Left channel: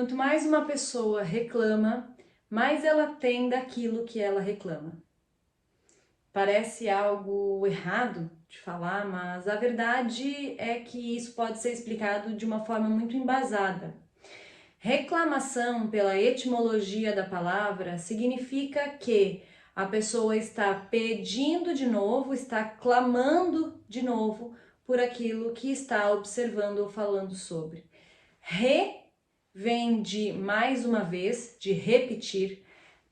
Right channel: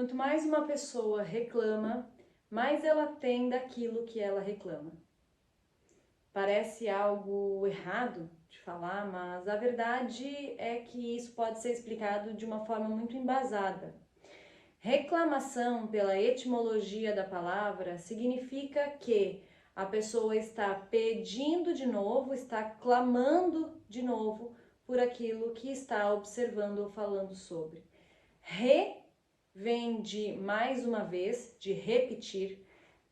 Quanto mais uma pessoa reclama, mais ela tem daquilo que ela reclama. Parece algo errado de falar, mas a verdade é que isso pode ser explicado de uma forma muito embasada. Reclamação, pela etimologia da palavra, significa que a pessoa está pedindo de novo, está clamando de novo por aquilo que está observando ou falando sobre. Vem de mais uma vez, de repetir.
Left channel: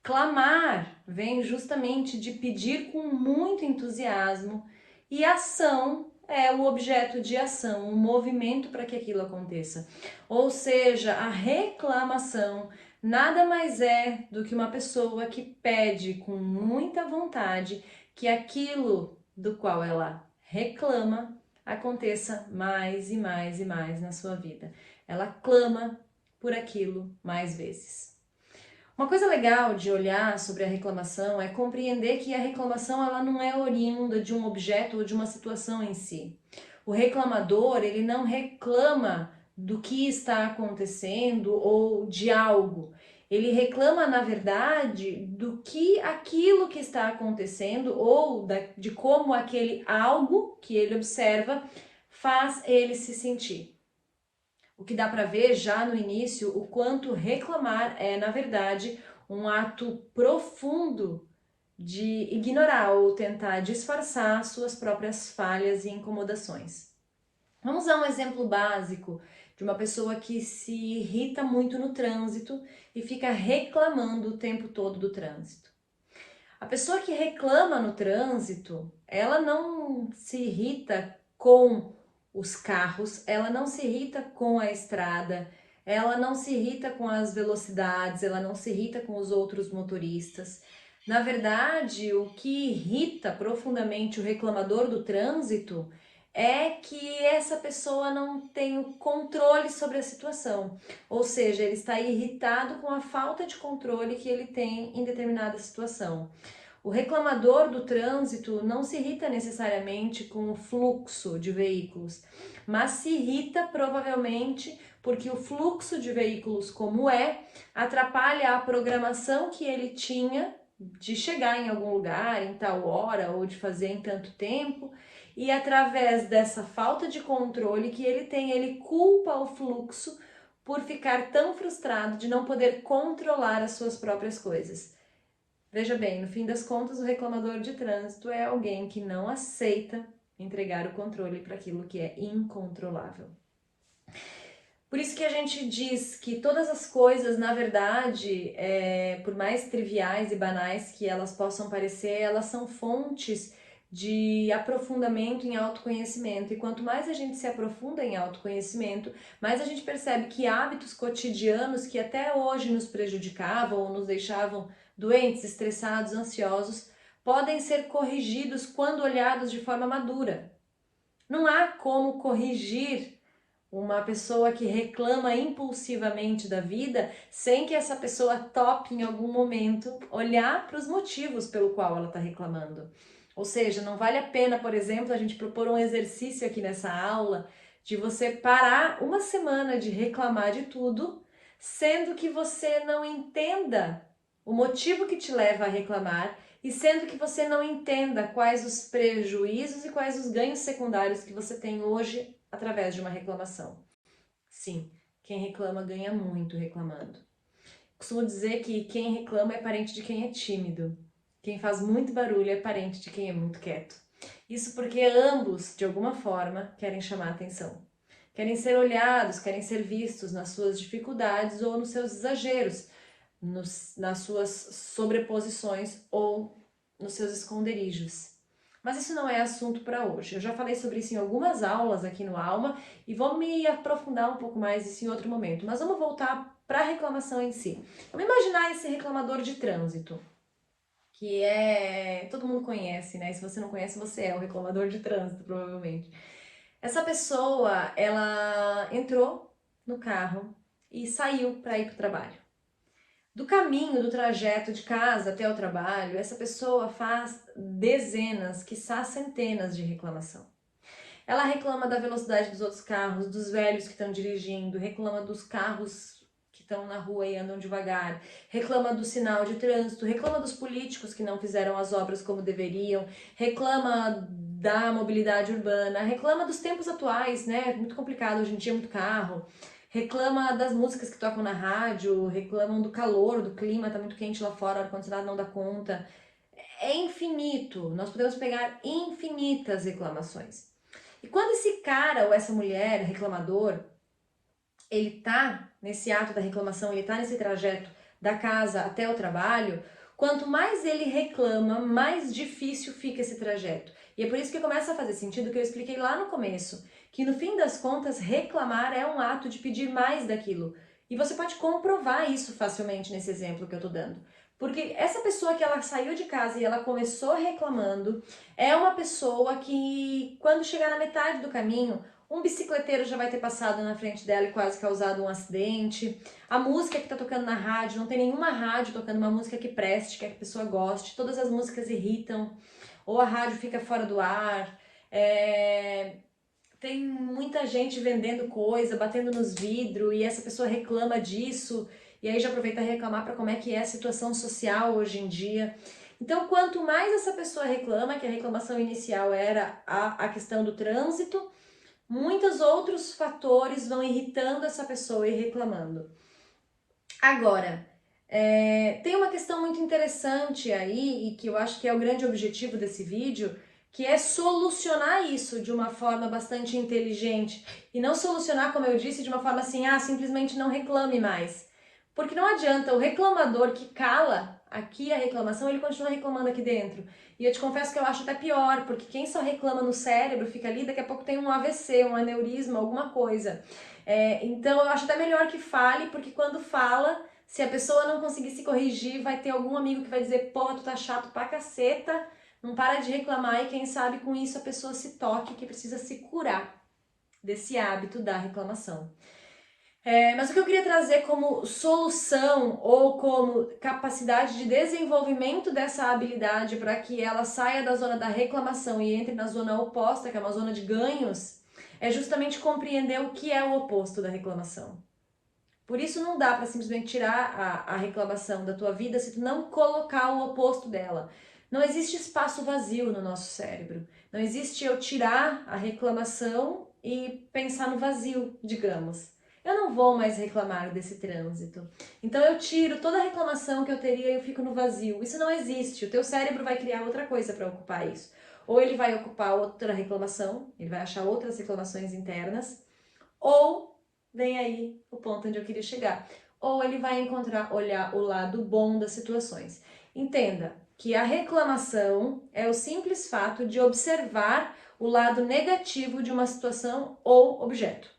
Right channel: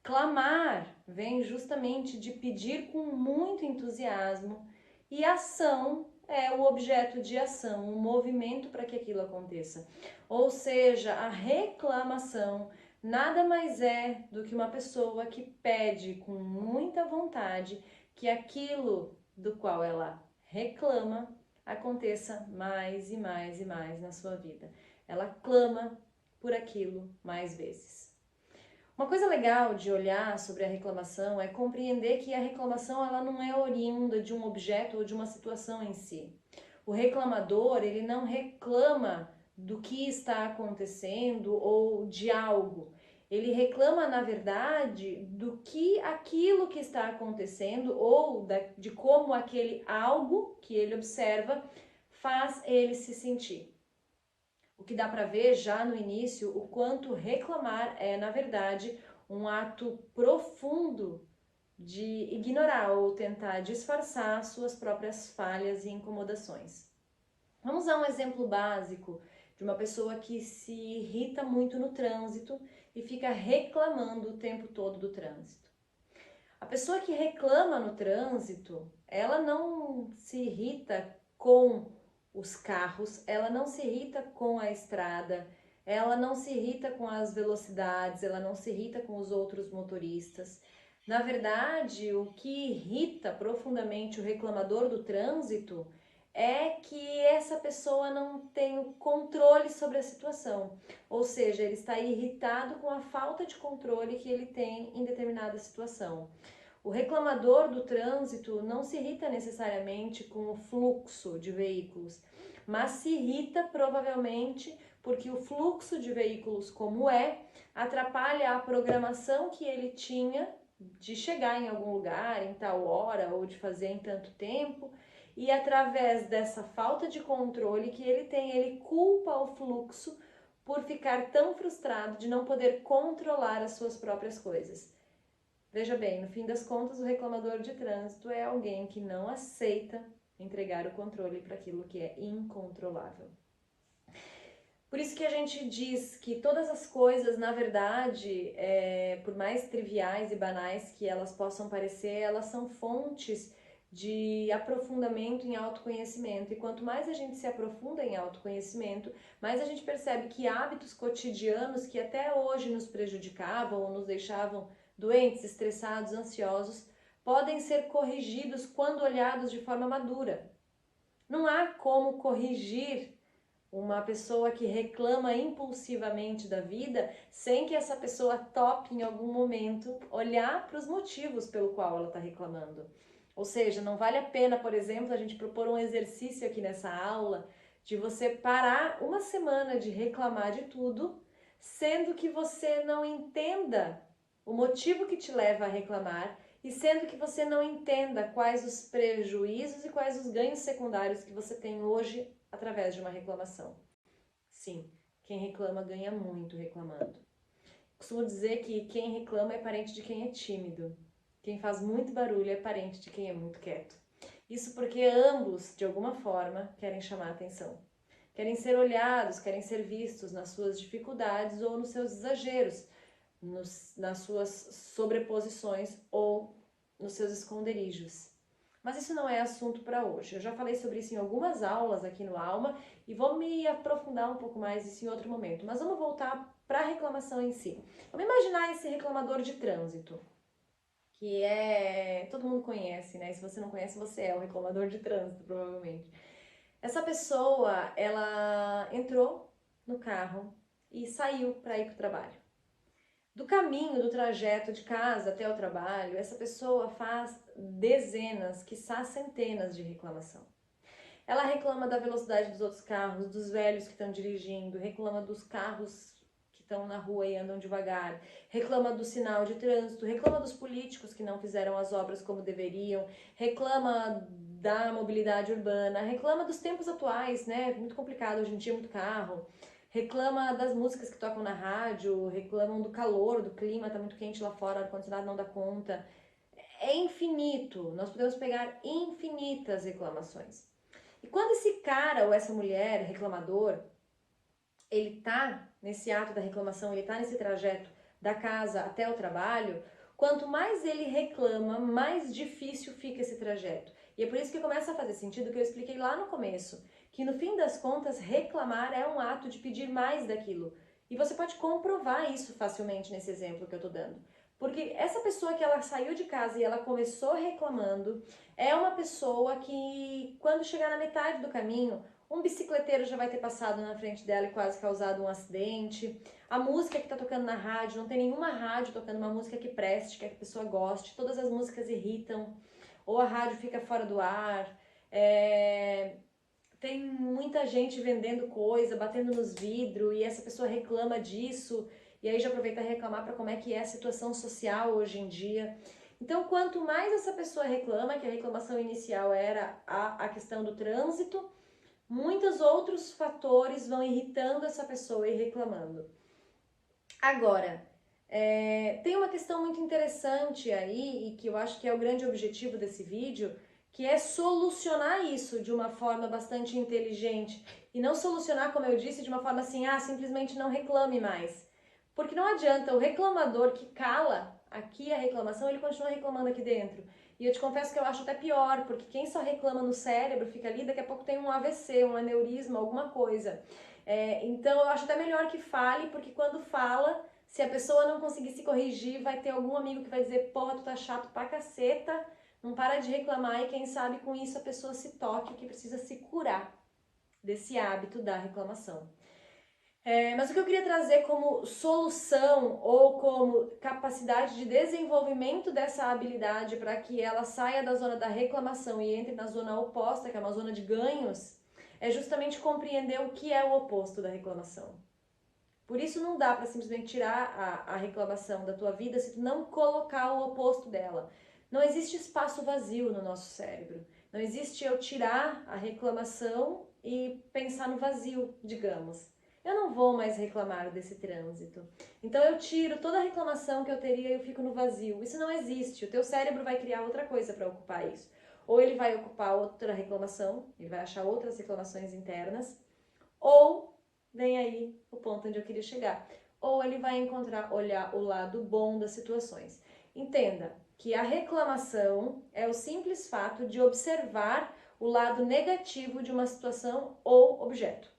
Clamar vem justamente de pedir com muito entusiasmo, e ação é o objeto de ação, o movimento para que aquilo aconteça. Ou seja, a reclamação nada mais é do que uma pessoa que pede com muita vontade que aquilo do qual ela reclama aconteça mais e mais e mais na sua vida. Ela clama por aquilo mais vezes. Uma coisa legal de olhar sobre a reclamação é compreender que a reclamação ela não é oriunda de um objeto ou de uma situação em si. O reclamador, ele não reclama do que está acontecendo ou de algo. Ele reclama, na verdade, do que aquilo que está acontecendo ou de como aquele algo que ele observa faz ele se sentir. O que dá para ver já no início o quanto reclamar é, na verdade, um ato profundo de ignorar ou tentar disfarçar suas próprias falhas e incomodações. Vamos dar um exemplo básico de uma pessoa que se irrita muito no trânsito e fica reclamando o tempo todo do trânsito. A pessoa que reclama no trânsito, ela não se irrita com os carros, ela não se irrita com a estrada, ela não se irrita com as velocidades, ela não se irrita com os outros motoristas. Na verdade, o que irrita profundamente o reclamador do trânsito é que essa pessoa não tem o controle sobre a situação. Ou seja, ele está irritado com a falta de controle que ele tem em determinada situação. O reclamador do trânsito não se irrita necessariamente com o fluxo de veículos, mas se irrita provavelmente porque o fluxo de veículos como atrapalha a programação que ele tinha de chegar em algum lugar em tal hora ou de fazer em tanto tempo, e através dessa falta de controle que ele tem, ele culpa o fluxo por ficar tão frustrado de não poder controlar as suas próprias coisas. Veja bem, no fim das contas, o reclamador de trânsito é alguém que não aceita entregar o controle para aquilo que é incontrolável. Por isso que a gente diz que todas as coisas, na verdade, por mais triviais e banais que elas possam parecer, elas são fontes de aprofundamento em autoconhecimento. E quanto mais a gente se aprofunda em autoconhecimento, mais a gente percebe que hábitos cotidianos que até hoje nos prejudicavam ou nos deixavam doentes, estressados, ansiosos, podem ser corrigidos quando olhados de forma madura. Não há como corrigir uma pessoa que reclama impulsivamente da vida sem que essa pessoa tope em algum momento olhar para os motivos pelo qual ela está reclamando. Ou seja, não vale a pena, por exemplo, a gente propor um exercício aqui nessa aula de você parar uma semana de reclamar de tudo, sendo que você não entenda o motivo que te leva a reclamar e sendo que você não entenda quais os prejuízos e quais os ganhos secundários que você tem hoje através de uma reclamação. Sim, quem reclama ganha muito reclamando. Costumo dizer que quem reclama é parente de quem é tímido. Quem faz muito barulho é parente de quem é muito quieto. Isso porque ambos, de alguma forma, querem chamar atenção. Querem ser olhados, querem ser vistos nas suas dificuldades ou nos seus exageros, nas suas sobreposições ou nos seus esconderijos. Mas isso não é assunto para hoje. Eu já falei sobre isso em algumas aulas aqui no Alma e vou me aprofundar um pouco mais isso em outro momento. Mas vamos voltar para a reclamação em si. Vamos imaginar esse reclamador de trânsito, que todo mundo conhece, né? Se você não conhece, você é o reclamador de trânsito, provavelmente. Essa pessoa, ela entrou no carro e saiu para ir para o trabalho. Do caminho, do trajeto de casa até o trabalho, essa pessoa faz dezenas, quiçá centenas de reclamação. Ela reclama da velocidade dos outros carros, dos velhos que estão dirigindo, reclama dos carros que estão na rua e andam devagar, reclama do sinal de trânsito, reclama dos políticos que não fizeram as obras como deveriam, reclama da mobilidade urbana, reclama dos tempos atuais, né? É muito complicado, hoje em dia muito carro, reclama das músicas que tocam na rádio, reclamam do calor, do clima, tá muito quente lá fora, o ar-condicionado não dá conta. É infinito, nós podemos pegar infinitas reclamações. E quando esse cara ou essa mulher reclamador, ele tá nesse ato da reclamação, ele tá nesse trajeto da casa até o trabalho, quanto mais ele reclama, mais difícil fica esse trajeto. E é por isso que começa a fazer sentido que eu expliquei lá no começo, que no fim das contas, reclamar é um ato de pedir mais daquilo. E você pode comprovar isso facilmente nesse exemplo que eu tô dando. Porque essa pessoa que ela saiu de casa e ela começou reclamando, é uma pessoa que, quando chegar na metade do caminho, um bicicleteiro já vai ter passado na frente dela e quase causado um acidente. A música que tá tocando na rádio, não tem nenhuma rádio tocando uma música que preste, que a pessoa goste. Todas as músicas irritam, ou a rádio fica fora do ar. Tem muita gente vendendo coisa, batendo nos vidros, e essa pessoa reclama disso. E aí já aproveita a reclamar para como é que é a situação social hoje em dia. Então, quanto mais essa pessoa reclama, que a reclamação inicial era a questão do trânsito, muitos outros fatores vão irritando essa pessoa e reclamando. Agora, tem uma questão muito interessante aí, e que eu acho que é o grande objetivo desse vídeo, que é solucionar isso de uma forma bastante inteligente. E não solucionar, como eu disse, de uma forma assim, simplesmente não reclame mais. Porque não adianta, o reclamador que cala aqui a reclamação, ele continua reclamando aqui dentro. E eu te confesso que eu acho até pior, porque quem só reclama no cérebro fica ali, daqui a pouco tem um AVC, um aneurisma, alguma coisa. Então eu acho até melhor que fale, porque quando fala, se a pessoa não conseguir se corrigir, vai ter algum amigo que vai dizer, porra, tu tá chato pra caceta, não para de reclamar, e quem sabe com isso a pessoa se toque que precisa se curar desse hábito da reclamação. Mas o que eu queria trazer como solução ou como capacidade de desenvolvimento dessa habilidade para que ela saia da zona da reclamação e entre na zona oposta, que é uma zona de ganhos, é justamente compreender o que é o oposto da reclamação. Por isso não dá para simplesmente tirar a reclamação da tua vida se tu não colocar o oposto dela. Não existe espaço vazio no nosso cérebro. Não existe eu tirar a reclamação e pensar no vazio, digamos. Eu não vou mais reclamar desse trânsito. Então eu tiro toda a reclamação que eu teria e eu fico no vazio. Isso não existe. O teu cérebro vai criar outra coisa para ocupar isso. Ou ele vai ocupar outra reclamação, ele vai achar outras reclamações internas, ou vem aí o ponto onde eu queria chegar. Ou ele vai olhar o lado bom das situações. Entenda que a reclamação é o simples fato de observar o lado negativo de uma situação ou objeto.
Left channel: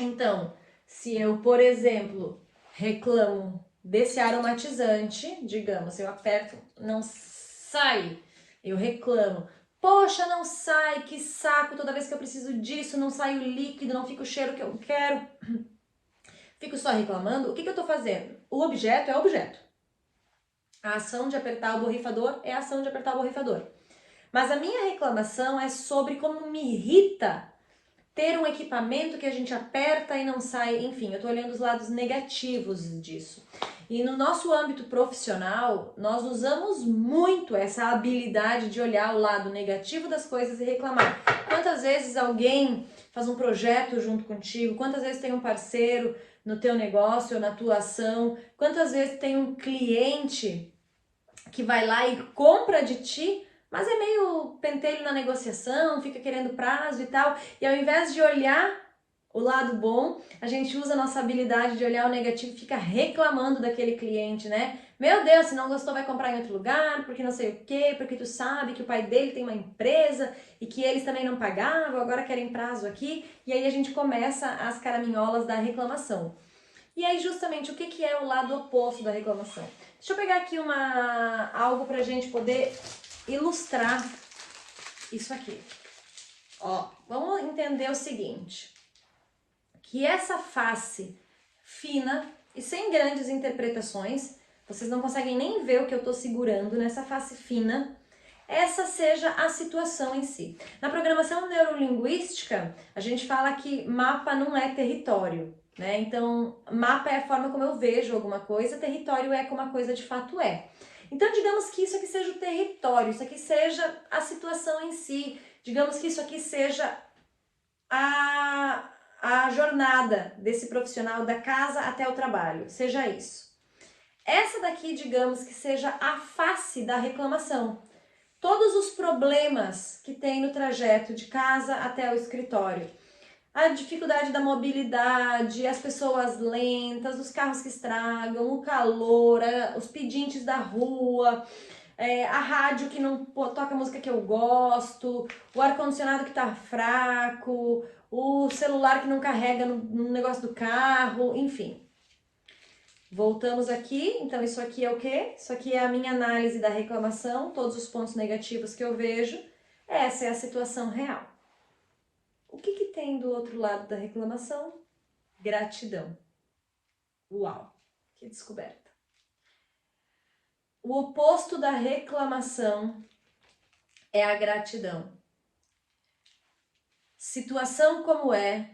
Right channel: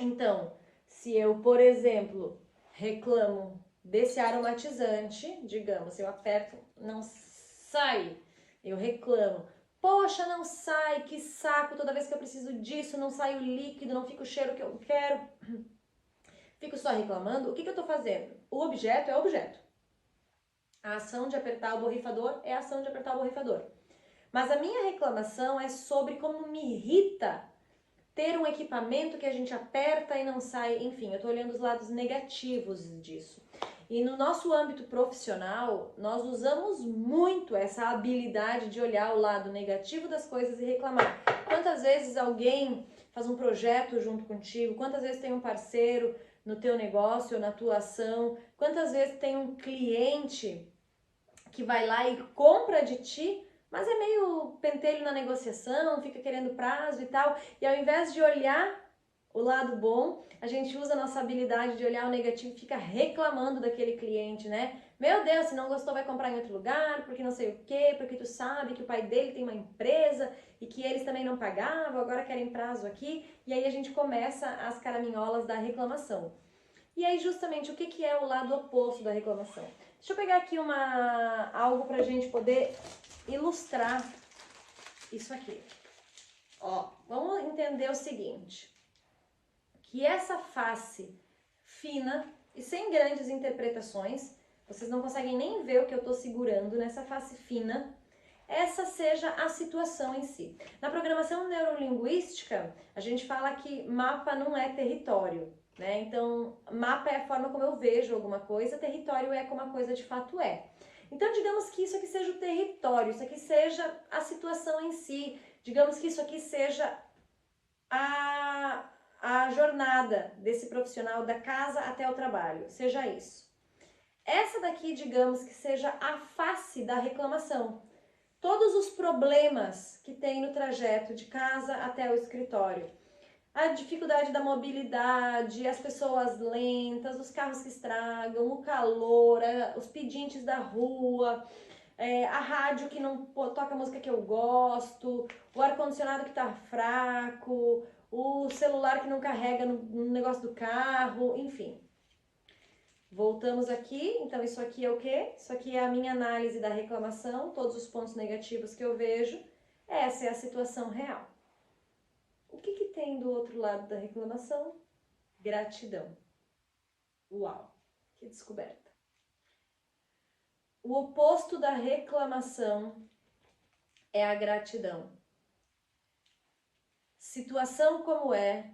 Então, se eu, por exemplo, reclamo desse aromatizante, digamos, eu aperto, não sai, eu reclamo. Poxa, não sai, que saco, toda vez que eu preciso disso, não sai o líquido, não fica o cheiro que eu quero. Fico só reclamando, o que eu tô fazendo? O objeto é o objeto. A ação de apertar o borrifador é a ação de apertar o borrifador. Mas a minha reclamação é sobre como me irrita ter um equipamento que a gente aperta e não sai, enfim, eu tô olhando os lados negativos disso. E no nosso âmbito profissional, nós usamos muito essa habilidade de olhar o lado negativo das coisas e reclamar. Quantas vezes alguém faz um projeto junto contigo? Quantas vezes tem um parceiro no teu negócio ou na tua ação? Quantas vezes tem um cliente que vai lá e compra de ti, mas é meio pentelho na negociação, fica querendo prazo e tal, e ao invés de olhar o lado bom, a gente usa a nossa habilidade de olhar o negativo e fica reclamando daquele cliente, né? Meu Deus, se não gostou vai comprar em outro lugar, porque não sei o quê, porque tu sabe que o pai dele tem uma empresa e que eles também não pagavam, agora querem prazo aqui, e aí a gente começa as caraminholas da reclamação. E aí justamente o que é o lado oposto da reclamação? Deixa eu pegar aqui algo pra gente poder ilustrar isso aqui. Ó, vamos entender o seguinte, que essa face fina e sem grandes interpretações, vocês não conseguem nem ver o que eu tô segurando nessa face fina, essa seja a situação em si. Na programação neurolinguística, a gente fala que mapa não é território. né? Então, mapa é a forma como eu vejo alguma coisa, território é como a coisa de fato é. Então, digamos que isso aqui seja o território, isso aqui seja a situação em si, digamos que isso aqui seja a jornada desse profissional da casa até o trabalho, seja isso. Essa daqui, digamos que seja a face da reclamação. Todos os problemas que tem no trajeto de casa até o escritório. A dificuldade da mobilidade, as pessoas lentas, os carros que estragam, o calor, os pedintes da rua, a rádio que não toca a música que eu gosto, o ar-condicionado que tá fraco, o celular que não carrega no negócio do carro, enfim. Voltamos aqui, então isso aqui é o quê? Isso aqui é a minha análise da reclamação, todos os pontos negativos que eu vejo. Essa é a situação real. O que tem do outro lado da reclamação? Gratidão. Uau, que descoberta. O oposto da reclamação é a gratidão. Situação como é,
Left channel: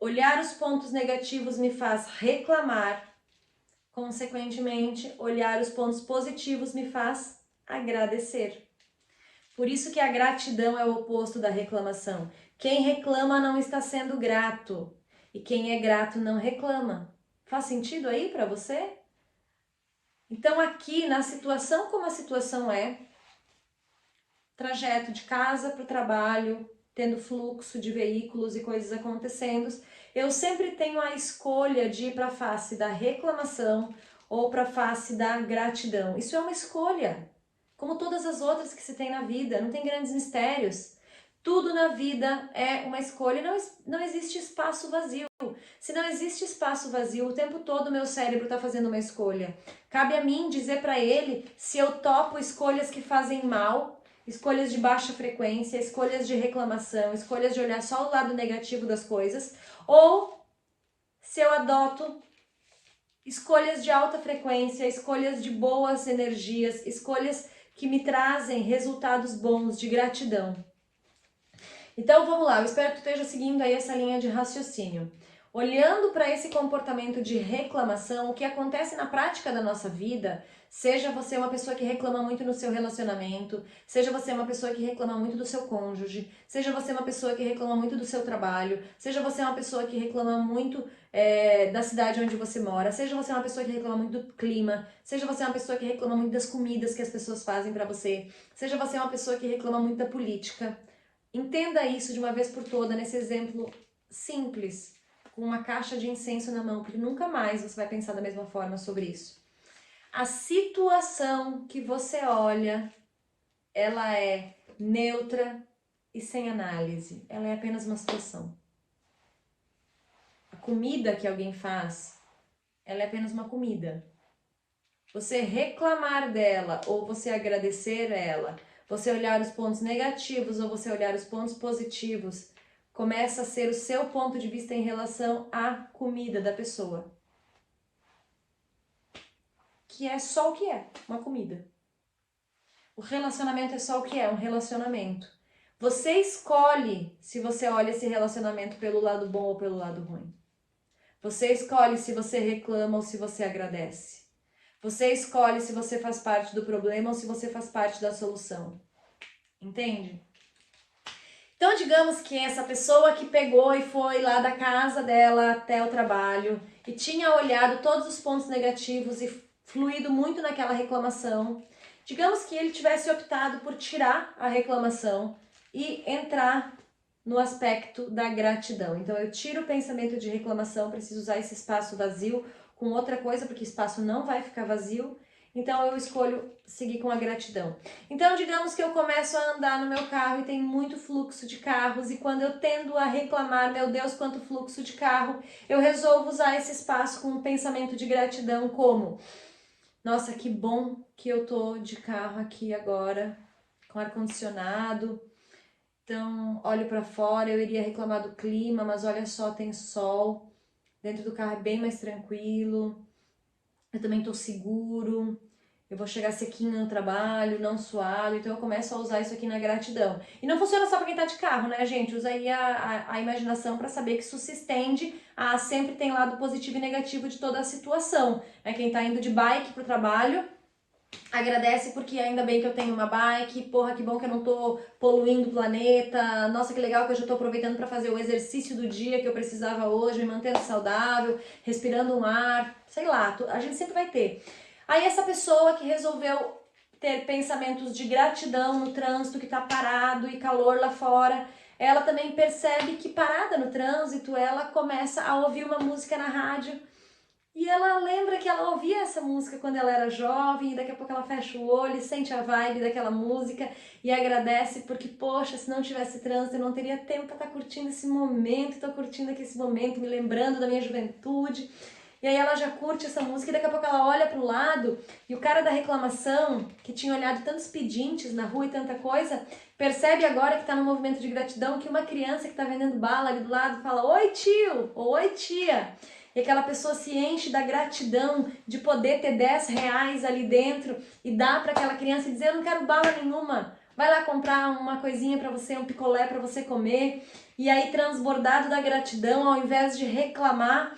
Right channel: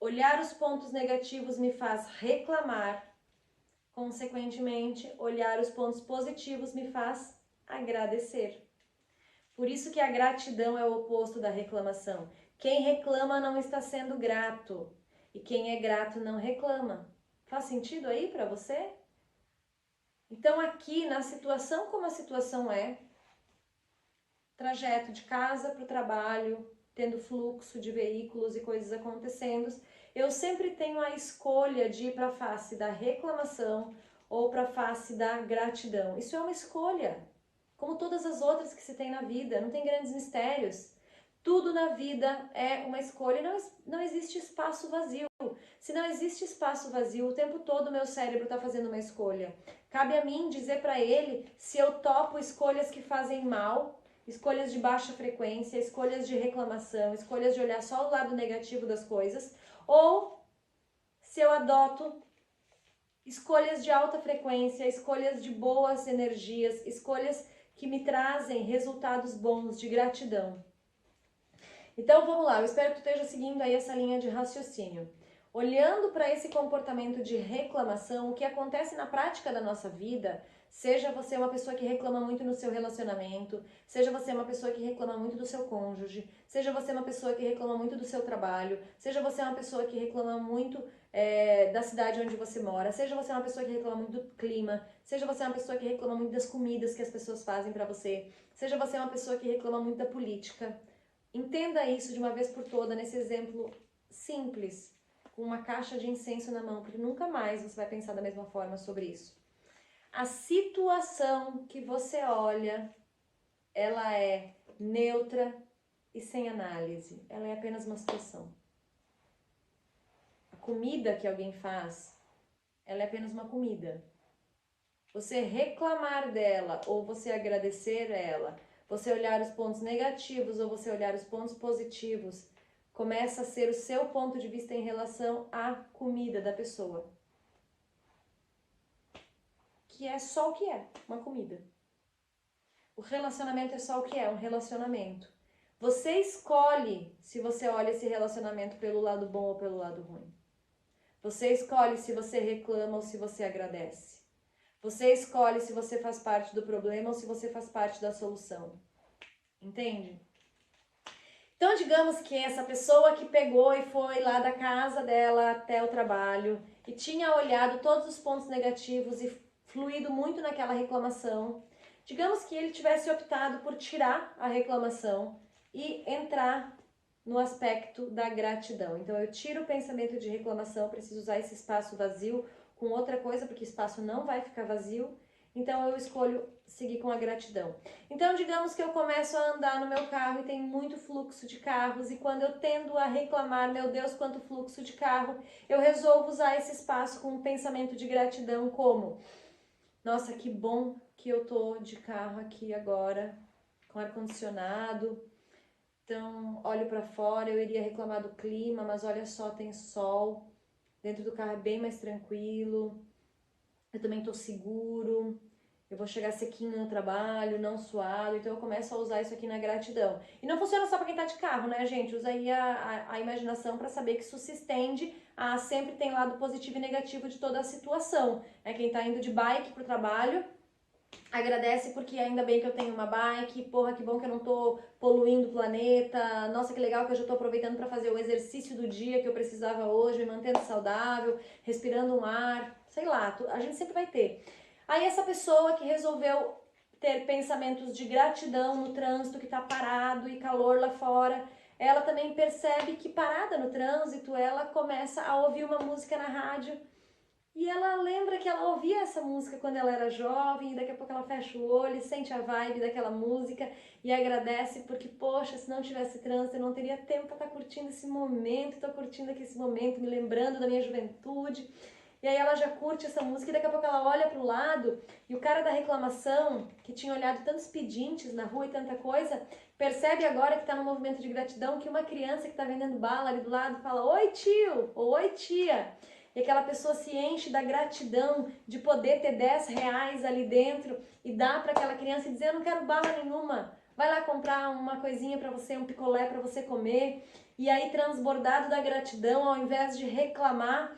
olhar os pontos negativos me faz reclamar, consequentemente, olhar os pontos positivos me faz agradecer. Por isso que a gratidão é o oposto da reclamação. Quem reclama não está sendo grato, e quem é grato não reclama. Faz sentido aí para você? Então aqui, na situação como a situação é, trajeto de casa para o trabalho, tendo fluxo de veículos e coisas acontecendo, eu sempre tenho a escolha de ir para a face da reclamação ou para a face da gratidão. Isso é uma escolha, como todas as outras que se tem na vida, não tem grandes mistérios. Tudo na vida é uma escolha, não existe espaço vazio. Se não existe espaço vazio, o tempo todo o meu cérebro está fazendo uma escolha. Cabe a mim dizer para ele se eu topo escolhas que fazem mal, escolhas de baixa frequência, escolhas de reclamação, escolhas de olhar só o lado negativo das coisas, ou se eu adoto escolhas de alta frequência, escolhas de boas energias, escolhas que me trazem resultados bons de gratidão. Então vamos lá, eu espero que tu esteja seguindo aí essa linha de raciocínio. Olhando para esse comportamento de reclamação, o que acontece na prática da nossa vida, seja você uma pessoa que reclama muito no seu relacionamento, seja você uma pessoa que reclama muito do seu cônjuge, seja você uma pessoa que reclama muito do seu trabalho, seja você uma pessoa que reclama muito da cidade onde você mora, seja você uma pessoa que reclama muito do clima, seja você uma pessoa que reclama muito das comidas que as pessoas fazem para você, seja você uma pessoa que reclama muito da política. Entenda isso de uma vez por toda nesse exemplo simples, com uma caixa de incenso na mão, porque nunca mais você vai pensar da mesma forma sobre isso. A situação que você olha, ela é neutra e sem análise. Ela é apenas uma situação. A comida que alguém faz, ela é apenas uma comida. Você reclamar dela ou você agradecer ela, você olhar os pontos negativos ou você olhar os pontos positivos, começa a ser o seu ponto de vista em relação à comida da pessoa. Que é só o que é, uma comida. O relacionamento é só o que é, um relacionamento. Você escolhe se você olha esse relacionamento pelo lado bom ou pelo lado ruim. Você escolhe se você reclama ou se você agradece. Você escolhe se você faz parte do problema ou se você faz parte da solução. Entende? Então, digamos que essa pessoa que pegou e foi lá da casa dela até o trabalho e tinha olhado todos os pontos negativos e fluído muito naquela reclamação, digamos que ele tivesse optado por tirar a reclamação e entrar no aspecto da gratidão. Então, eu tiro o pensamento de reclamação, preciso usar esse espaço vazio com outra coisa, porque espaço não vai ficar vazio. Então eu escolho seguir com a gratidão. Então digamos que eu começo a andar no meu carro e tem muito fluxo de carros e quando eu tendo a reclamar, meu Deus, quanto fluxo de carro, eu resolvo usar esse espaço com um pensamento de gratidão como: nossa, que bom que eu tô de carro aqui agora, com ar-condicionado. Então, olho para fora, eu iria reclamar do clima, mas olha só, tem sol. Dentro do carro é bem mais tranquilo. Eu também tô seguro. eu vou chegar sequinho no trabalho, não suado, então eu começo a usar isso aqui na gratidão. E não funciona só para quem tá de carro, né, gente? Usa aí a imaginação para saber que isso se estende a sempre tem lado positivo e negativo de toda a situação. É quem tá indo de bike pro trabalho, agradece porque ainda bem que eu tenho uma bike, porra, que bom que eu não tô poluindo o planeta, nossa, que legal que eu já tô aproveitando para fazer o exercício do dia que eu precisava hoje, me mantendo saudável, respirando um ar, sei lá, a gente sempre vai ter. Aí essa pessoa que resolveu ter pensamentos de gratidão no trânsito, que tá parado e calor lá fora, ela também percebe que parada no trânsito, ela começa a ouvir uma música na rádio e ela lembra que ela ouvia essa música quando ela era jovem, e daqui a pouco ela fecha o olho e sente a vibe daquela música e agradece porque, poxa, se não tivesse trânsito eu não teria tempo para estar curtindo esse momento, estou curtindo aqui esse momento, me lembrando da minha juventude. E aí ela já curte essa música e daqui a pouco ela olha pro lado e o cara da reclamação, que tinha olhado tantos pedintes na rua e tanta coisa, percebe agora que tá no movimento de gratidão que uma criança que tá vendendo bala ali do lado fala: "Oi, tio!" ou "Oi, tia!" E aquela pessoa se enche da gratidão de poder ter 10 reais ali dentro e dar para aquela criança e dizer: "Eu não quero bala nenhuma, vai lá comprar uma coisinha para você, um picolé para você comer." E aí, transbordado da gratidão, ao invés de reclamar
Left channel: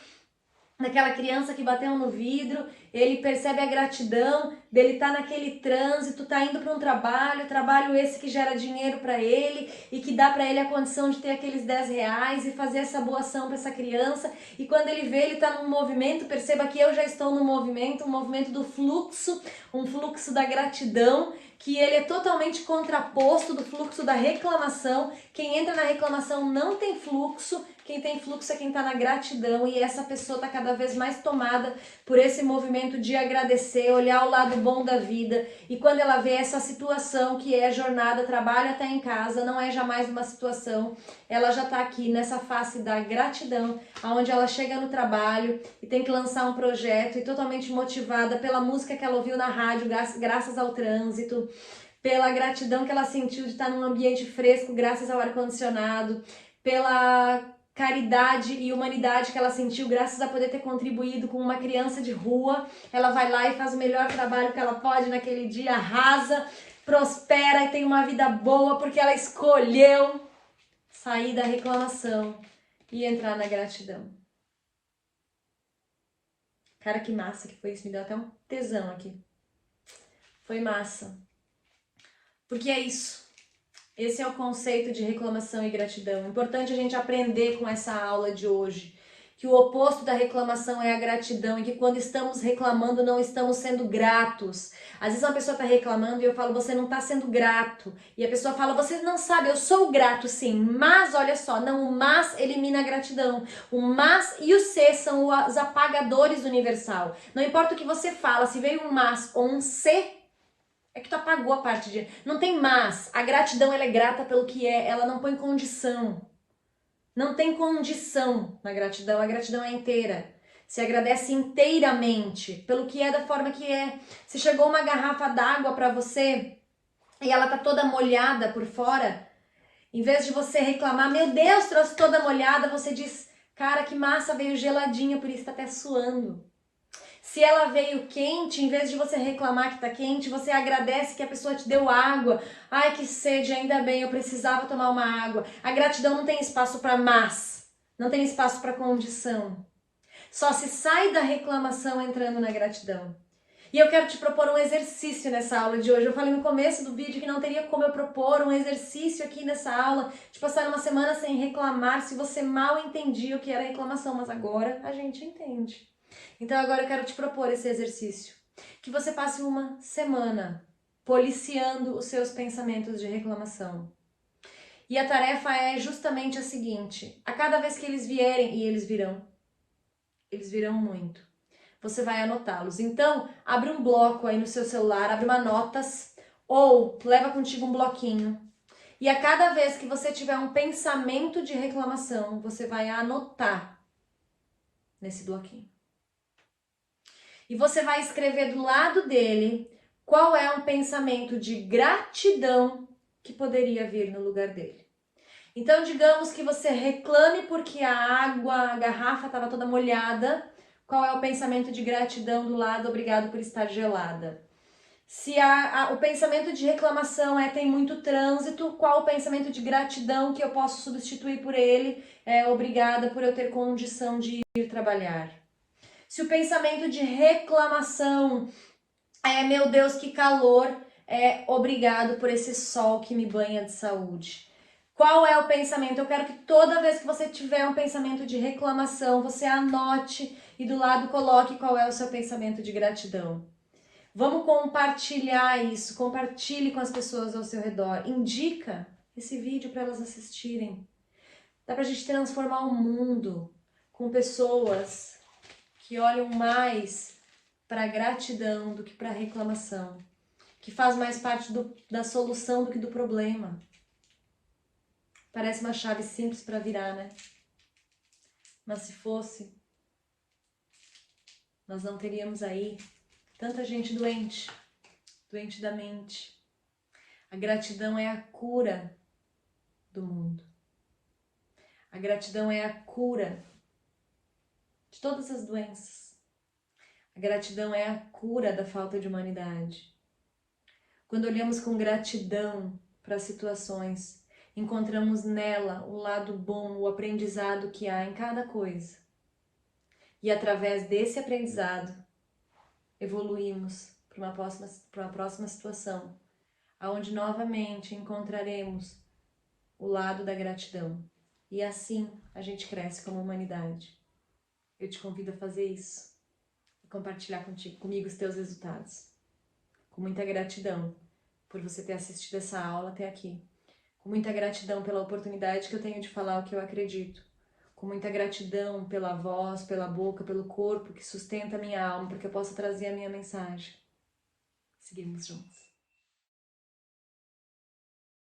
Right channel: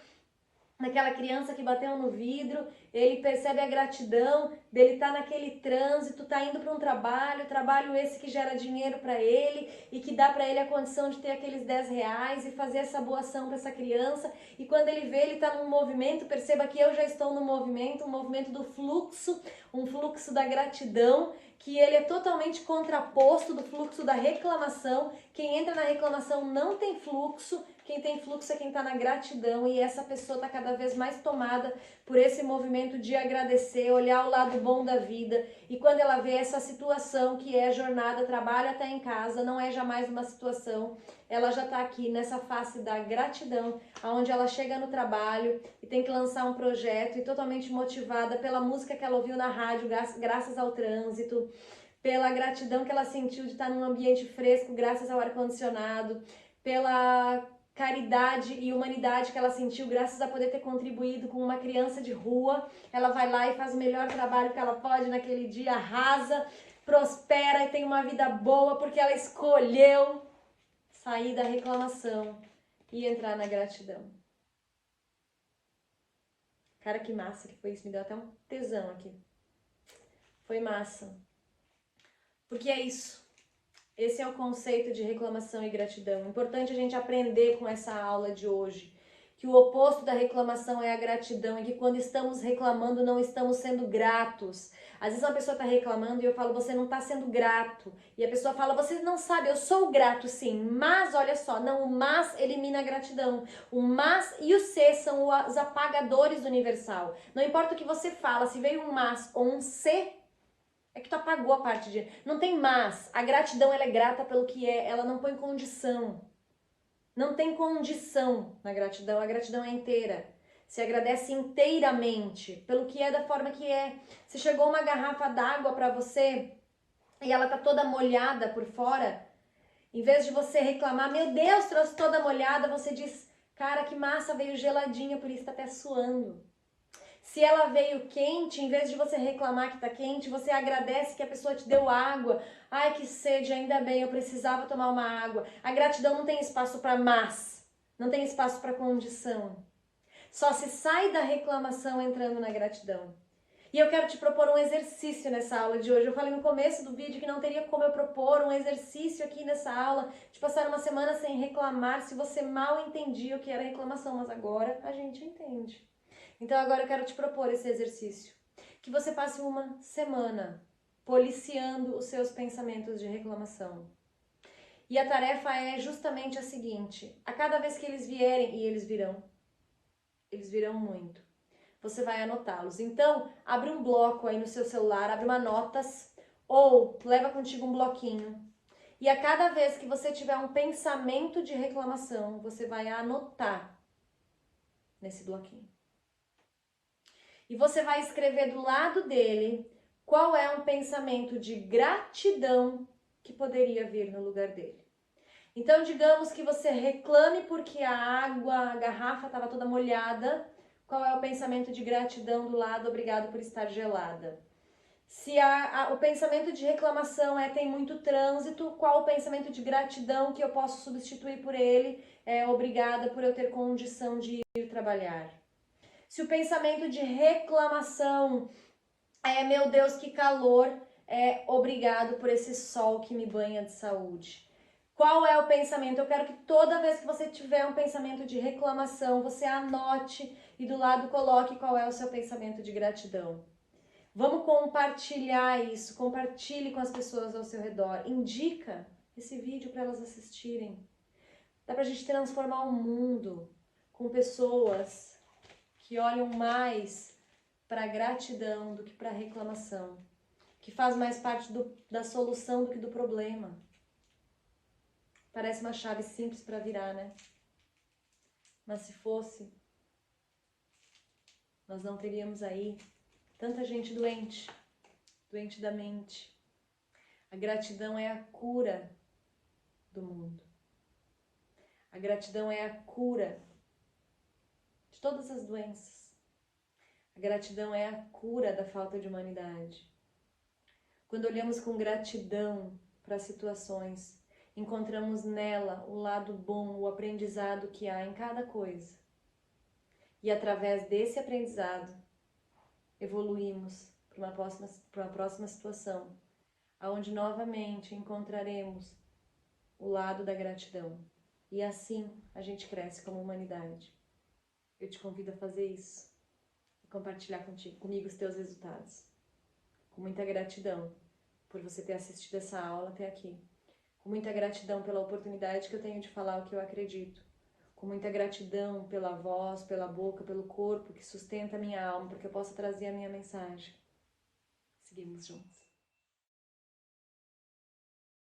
daquela criança que bateu no vidro, ele percebe a gratidão dele estar naquele trânsito, tá indo para um trabalho esse que gera dinheiro para ele e que dá para ele a condição de ter aqueles 10 reais e fazer essa boa ação para essa criança. E quando ele vê, ele tá num movimento, perceba que eu já estou no movimento, um movimento do fluxo, um fluxo da gratidão, que ele é totalmente contraposto do fluxo da reclamação. Quem entra na reclamação não tem fluxo, quem tem fluxo é quem está na gratidão, e essa pessoa está cada vez mais tomada por esse movimento de agradecer, olhar o lado bom da vida. E quando ela vê essa situação que é jornada, trabalho até em casa, não é jamais uma situação, ela já está aqui nessa face da gratidão, onde ela chega no trabalho e tem que lançar um projeto e totalmente motivada pela música que ela ouviu na rádio, graças ao trânsito, pela gratidão que ela sentiu de estar num ambiente fresco graças ao ar-condicionado, pela caridade e humanidade que ela sentiu graças a poder ter contribuído com uma criança de rua. Ela vai lá e faz o melhor trabalho que ela pode naquele dia, arrasa, prospera e tem uma vida boa porque ela escolheu sair da reclamação e entrar na gratidão. Cara, que massa que foi isso, me deu até um tesão aqui. Foi massa. Porque é isso. Esse é o conceito de reclamação e gratidão. Importante a gente aprender com essa aula de hoje que o oposto da reclamação é a gratidão e que quando estamos reclamando não estamos sendo gratos. Às vezes uma pessoa está reclamando e eu falo: você não está sendo grato. E a pessoa fala: você não sabe, eu sou grato sim, mas olha só, não, o mas elimina a gratidão. O mas e o se são os apagadores universal. Não importa o que você fala, se veio um mas ou um se, é que tu apagou a parte de... Não tem mas. A gratidão, ela é grata pelo que é. Ela não põe condição. Não tem condição na gratidão. A gratidão é inteira. Se agradece inteiramente pelo que é, da forma que é. Se chegou uma garrafa d'água pra você e ela tá toda molhada por fora, em vez de você reclamar: meu Deus, trouxe toda molhada, você diz: cara, que massa, veio geladinha, por isso tá até suando. Se ela veio quente, em vez de você reclamar que tá quente, você agradece que a pessoa te deu água. Ai, que sede, ainda bem, eu precisava tomar uma água. A gratidão não tem espaço para mas, não tem espaço para condição. Só se sai da reclamação entrando na gratidão. E eu quero te propor um exercício nessa aula de hoje. Eu falei no começo do vídeo que não teria como eu propor um exercício aqui nessa aula de passar uma semana sem reclamar se você mal entendia o que era reclamação, mas agora a gente entende. Então agora eu quero te propor esse exercício, que você passe uma semana policiando os seus pensamentos de reclamação. E a tarefa é justamente a seguinte: a cada vez que eles vierem, e eles virão muito, você vai anotá-los. Então, abre um bloco aí no seu celular, abre uma notas, ou leva contigo um bloquinho. E a cada vez que você tiver um pensamento de reclamação, você vai anotar nesse bloquinho. E você vai escrever do lado dele qual é um pensamento de gratidão que poderia vir no lugar dele. Então, digamos que você reclame porque a garrafa estava toda molhada. Qual é o pensamento de gratidão do lado? Obrigado por estar gelada. Se o pensamento de reclamação tem muito trânsito, qual o pensamento de gratidão que eu posso substituir por ele? Obrigada por eu ter condição de ir trabalhar. Se o pensamento de reclamação meu Deus, que calor, obrigado por esse sol que me banha de saúde. Qual é o pensamento? Eu quero que toda vez que você tiver um pensamento de reclamação, você anote e do lado coloque qual é o seu pensamento de gratidão. Vamos compartilhar isso, compartilhe com as pessoas ao seu redor, indica esse vídeo para elas assistirem. Dá pra gente transformar o mundo com pessoas que olham mais para gratidão do que para reclamação, que faz mais parte da solução do que do problema. Parece uma chave simples para virar, né? Mas se fosse, nós não teríamos aí tanta gente doente da mente. A gratidão é a cura do mundo. A gratidão é a cura de todas as doenças. A gratidão é a cura da falta de humanidade. Quando olhamos com gratidão para as situações, encontramos nela o lado bom, o aprendizado que há em cada coisa. E através desse aprendizado, evoluímos para uma próxima situação, onde novamente encontraremos o lado da gratidão. E assim a gente cresce como humanidade. Eu te convido a fazer isso e compartilhar comigo os teus resultados. Com muita gratidão por você ter assistido essa aula até aqui. Com muita gratidão pela oportunidade que eu tenho de falar o que eu acredito. Com muita gratidão pela voz, pela boca, pelo corpo que sustenta a minha alma, para que eu possa trazer a minha mensagem. Seguimos juntos.